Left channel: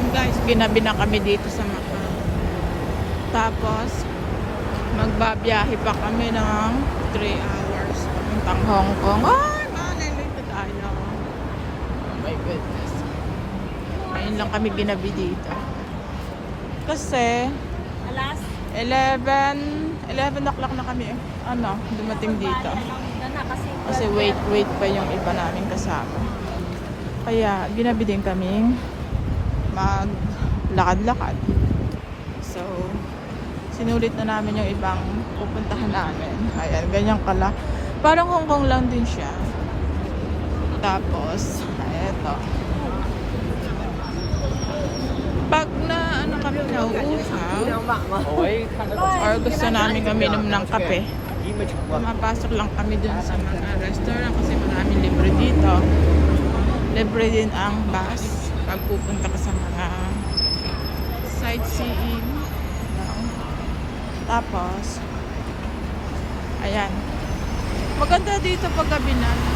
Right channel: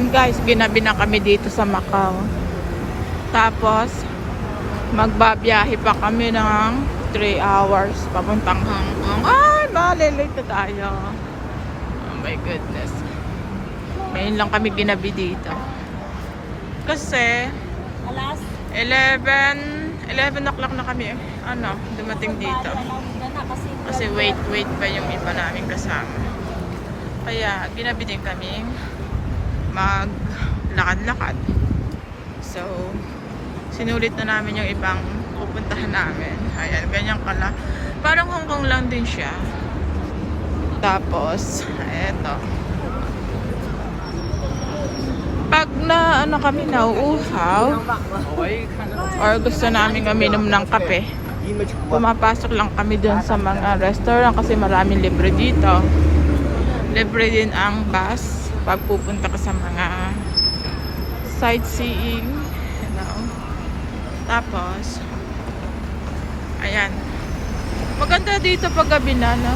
Ayan guys, ginabi na kami dito sa Macau. Tapos, magbabiyahe pa kami ng 3 hours papuntang Hong Kong. Ay, malilate tayo. Oh my goodness. Ngayon lang kami ginabi dito. Kasi, Alas? 11 o'clock na kami dumating dito. Kasi wait pa yung iba namin kasama. Kaya, ginabi din kaming maglakad-lakad. So, sinulit na namin yung ibang pupuntahan namin. Ayan, ganyan kala. Parang Hong Kong lang din siya. Tapos, eto. Pag kami nauuhaw, or gusto namin uminom ng kape, pumapasok lang kami dun sa mga restaurant kasi maraming libre dito. Libre din ang bus pag pupunta ka sa mga sightseeing. Tapos, ayan. Maganda dito pag gabi na, no?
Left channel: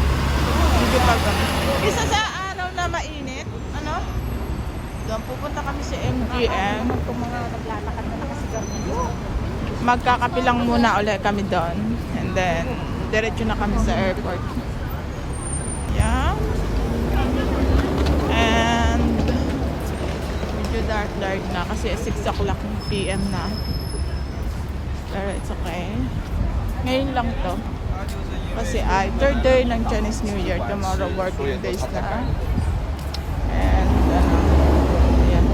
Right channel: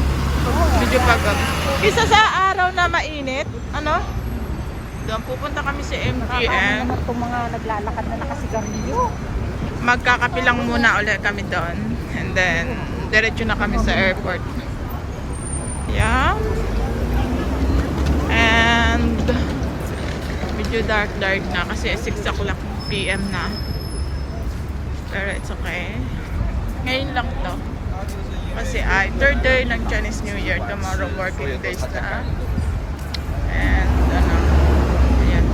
Medyo pag gabi. Isa sa araw na mainit, doon pupunta kami sa MGM. Kung mga naglalakad na kasi kami. Magkakape lang muna ulit kami doon. And then, diretso na kami sa airport. Yan. And, medyo dark na kasi 6 o'clock PM na. Pero it's okay. Ngayon lang to. Kasi ay third day ng Chinese New Year. Tomorrow working days na. And ayan.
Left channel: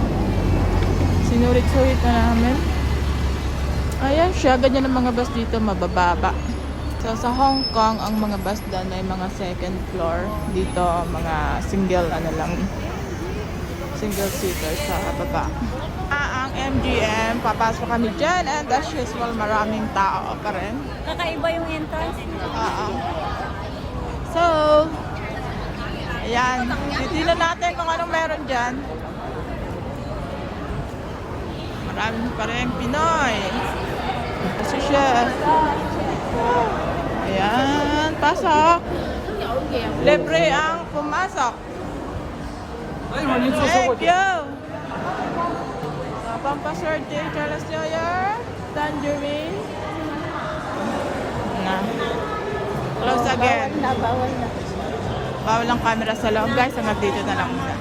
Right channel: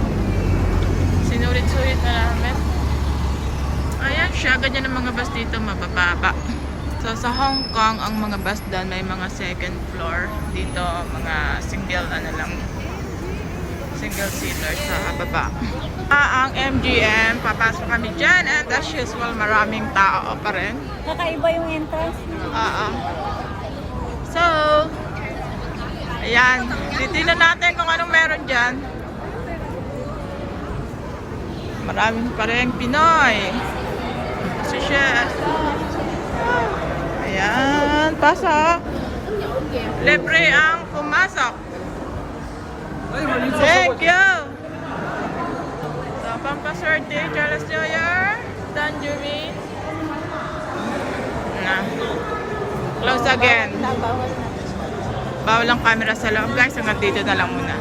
Sinulit-sulit na namin. Ayan siya. Ganyan ang mga bus dito, mabababa. So sa Hong Kong, ang mga bus doon may mga second floor. Dito, mga single seater sa baba. Ang MGM, papasok kami dyan, and as usual, maraming tao pa rin. Kakaiba yung entrance. So, ayan, titilan natin kung anong meron dyan. Maraming pa rin Pinoy. Kasi siya. Ayan, pasok. Libre ang pumasok. Thank you. Pampaswerte, Charles New Year, Tangerine. Close again. Bawal ang camera sa loob guys, hanggang dito na lang muna.